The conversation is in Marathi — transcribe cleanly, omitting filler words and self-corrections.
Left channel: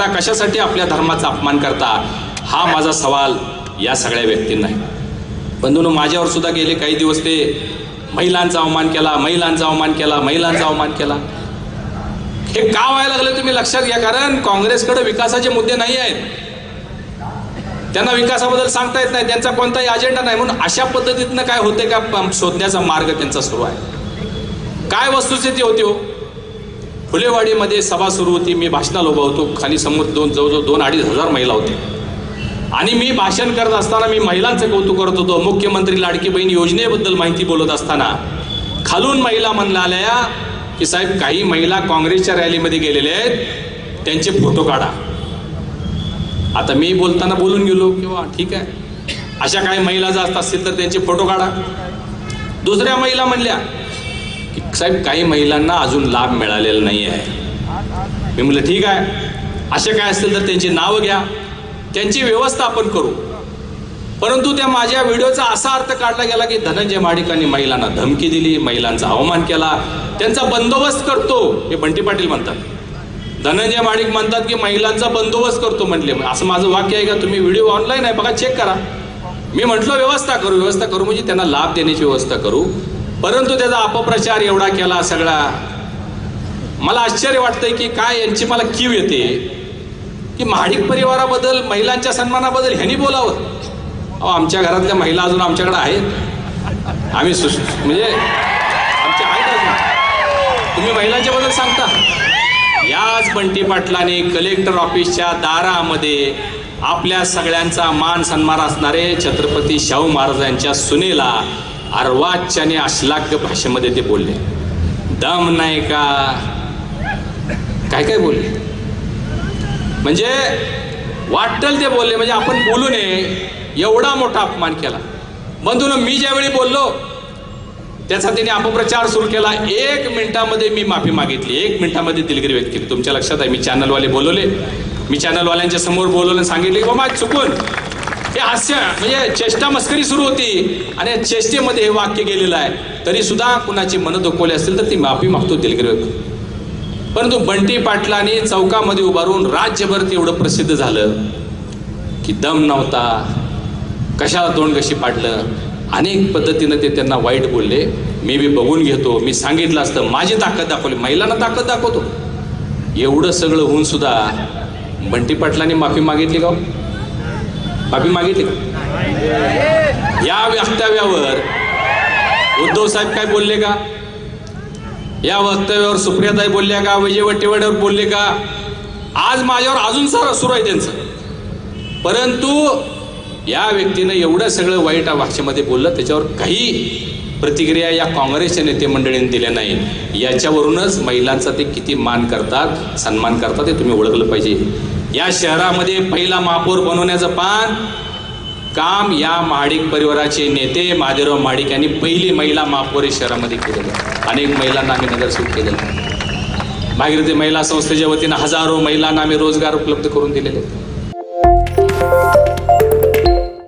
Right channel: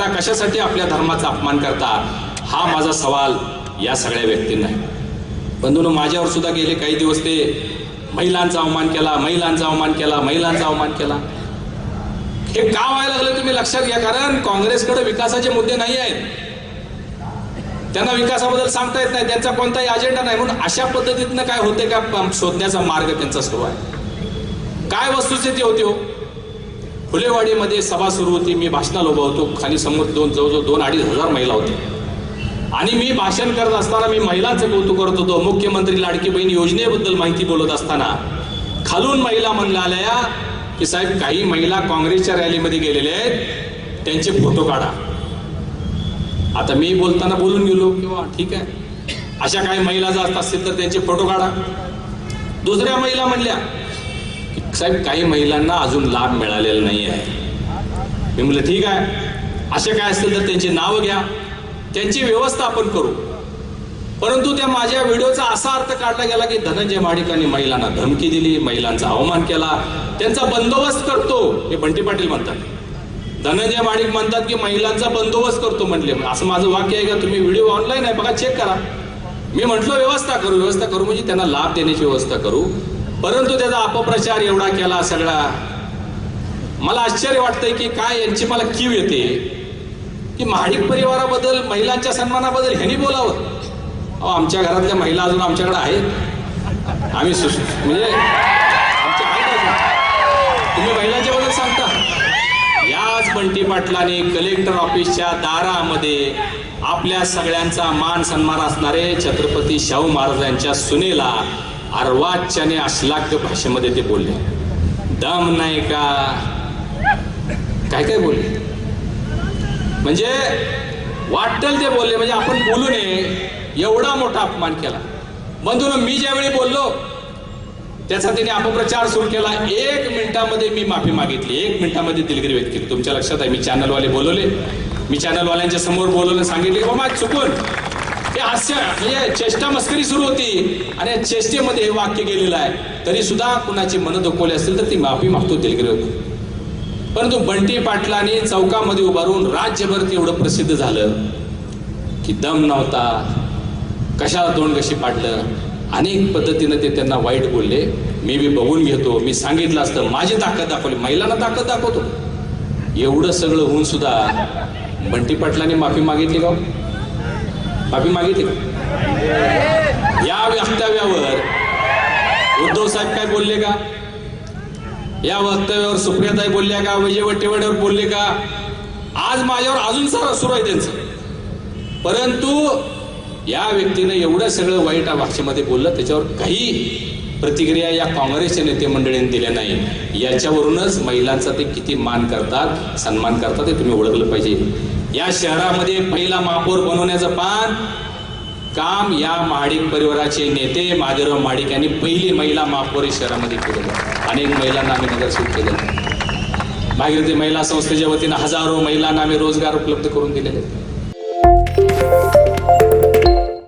करता, कशासाठी आपल्या धर्माचा अपमान करता, हा माझा सवाल या सगळ्या व्यक्तींना आहे. बंधूंनो, माझ्यावर सुद्धा गेले काही दिवस ते महिलांचा अवमान केला, महिलांचा अवमान केला, महिलांचा अवमान केला. हे का व्हायला लागलं तुम्ही लक्षात घ्या. कारण काँग्रेसकडे विकासाचे मुद्दे नाही आहेत, त्यांना विकासाबद्दल सांगता येत नाही, त्यांचा कोणताही अजेंडा नाही. म्हणून अशा पद्धतीनं काय होते का शोधण्याचा मार्ग त्यांचा सुरू आहे. काय वस्तुस्थिती होती हो, फुलेवाडीमध्ये सभा सुरू होती, मी भाषणाला उभा होतो, खाली समोर जवळजवळ 2-2.5 हजार महिला होते आणि मी भाषण करत असताना मी महिलांचं कौतुक करत होतो. मुख्यमंत्री लाडकी बहीण योजनेबद्दल माहिती बोलत असताना खालून महिला म्हणल्या की साहेब, काही महिला काँग्रेसच्या रॅलीमध्ये गेलेले आहेत, त्यांचे फोटो काढा. आता मी बोलताना बोलून गेलो किंवा ठीक आहे, अशा काही महिला जर असतील तर त्यांचे फोटो काढा. दुसऱ्या महिला म्हणल्या की साहेब, काही महिलांना अजून लाभ मिळालेला नाही आहे. मी म्हटलं ठीक आहे, असे काय असतील तर त्यांची नावं घ्या, त्यांची व्यवस्था आपण करू. परंतु त्या माझ्या व्हिडिओचा असा अर्थ काढला गेला की धनंजय महाडिकांनी महिलांना धमकी दिली, महिलांचा अवमान केला, त्यांचा बंदोबस्त करतो, हे बंटी पाटील म्हणतात. धनंजय महाडिक म्हणतात की महिलांचा बंदोबस्त करतो म्हटले. असं माझं वाक्य आहे का? तुम्ही व्हिडिओ ऑनलाईन आहे बघा, चेक करा. मी म्हटलं व्यवस्था करू, व्यवस्था करू म्हणजे त्यांना लाभ देण्याची व्यवस्था करू. परंतु त्याचा अपप्रचार एवढा केला सगळा. मला आश्चर्य वाटतंय की काय यांची मला कीव येते की महाडिक परिवाराबद्दल, महिलांच्या सन्मानाबद्दल ह्यांनी बोलावं. अहो, आमच्या घरातल्या महिला अजून आमच्याकडे आहेत, आम्ही म्हणजे आमच्या आहेत अजून. तुम्ही महिलांच्या बद्दल सांगता. याच बंटी पाटलाने कलेक्टर ऑफिसच्या दारामध्ये आपल्या सगळ्यांचा मान सन्मान असणारे छत्रपती शाहू महाराजांच्या सुनेला अर्वाच्याने अश्लाघ्य भाषेमध्ये ते बोलले. दम नाही का, काय काय बोलले, म्हणजे वाटेल ते बोलले, म्हणजे आपण बोलू नये एवढा मोठा अपमान केला. बंधूंनो, मी ज्यावेळी बोललो त्याचा तिने अपप्रचार सुरू केला. 1 मिनिटामध्ये मी माफी मागितली, 1 मिनिटामध्ये दिलगिरी व्यक्त केली. तुमच्या लक्षात आहे, मी चॅनलवाले बोलवले, मी चॅनलवाल्यांच्या समोर बोलवले, सांगितले बाबा चुकून हे हास्य म्हणजे चेष्टा मस्करी सुरू होती आणि चेष्टेमध्ये हे वाक्य गेलेलं आहे, तरी सुद्धा कुणाची मन दुखवली असतील तर ती माफी मागतो, दिलगिरी व्यक्त. परंतु बंटी पाटलांनी चौकामध्ये उभारून राज्यभर एवढं प्रसिद्ध झालं की दम नव्हता, कशाला तोंड कशी पाडलं, अनेक पद्धतीनं ते त्यांना वाईट बोलले. मी बी बघून घेतो, मी सांगितलं असतं, माझी ताकद दाखवली, महिलांना ताकद दाखवतो. एवढं सगळं होऊन सुद्धा बंटी पाटलांनी माफी मागितली का? माफी मागितली का? या वक्तव्यावर उद्धव साहेब काय बोलले का? या वक्तव्यावर सुप्रियाताई बोलल्या का? विजय वट्टेवाडीवर बोलले का? आज माझ्यावर अजून सुरू आहे त्यांचं. परंतु या व्यक्तीनं एवढं सगळं वाईट भाषेमध्ये बोललं, त्याच्यावर काही प्रतिक्रिया या काँग्रेसच्या नेते मंडळींनी दिल्या नाही. याच्यावरूनच महिलांचा ते किती मान करतात, सन्मान करतात हे तुम्ही ओळखलं पाहिजे. या शहरामध्ये पहिला महापौर बनवण्याचं काम या महाडिक परिवाराचे नेते महादेवराव महाडिक यांनी पहिली महिला महापौर शहरामध्ये केलेलं. अनेक महिलांना आम्ही नगरसेवक केलेलं. भागीरथी महिला संस्थेच्या वतीनं हजारो महिलांना आम्ही रोजगार उपलब्ध करून दिलेले.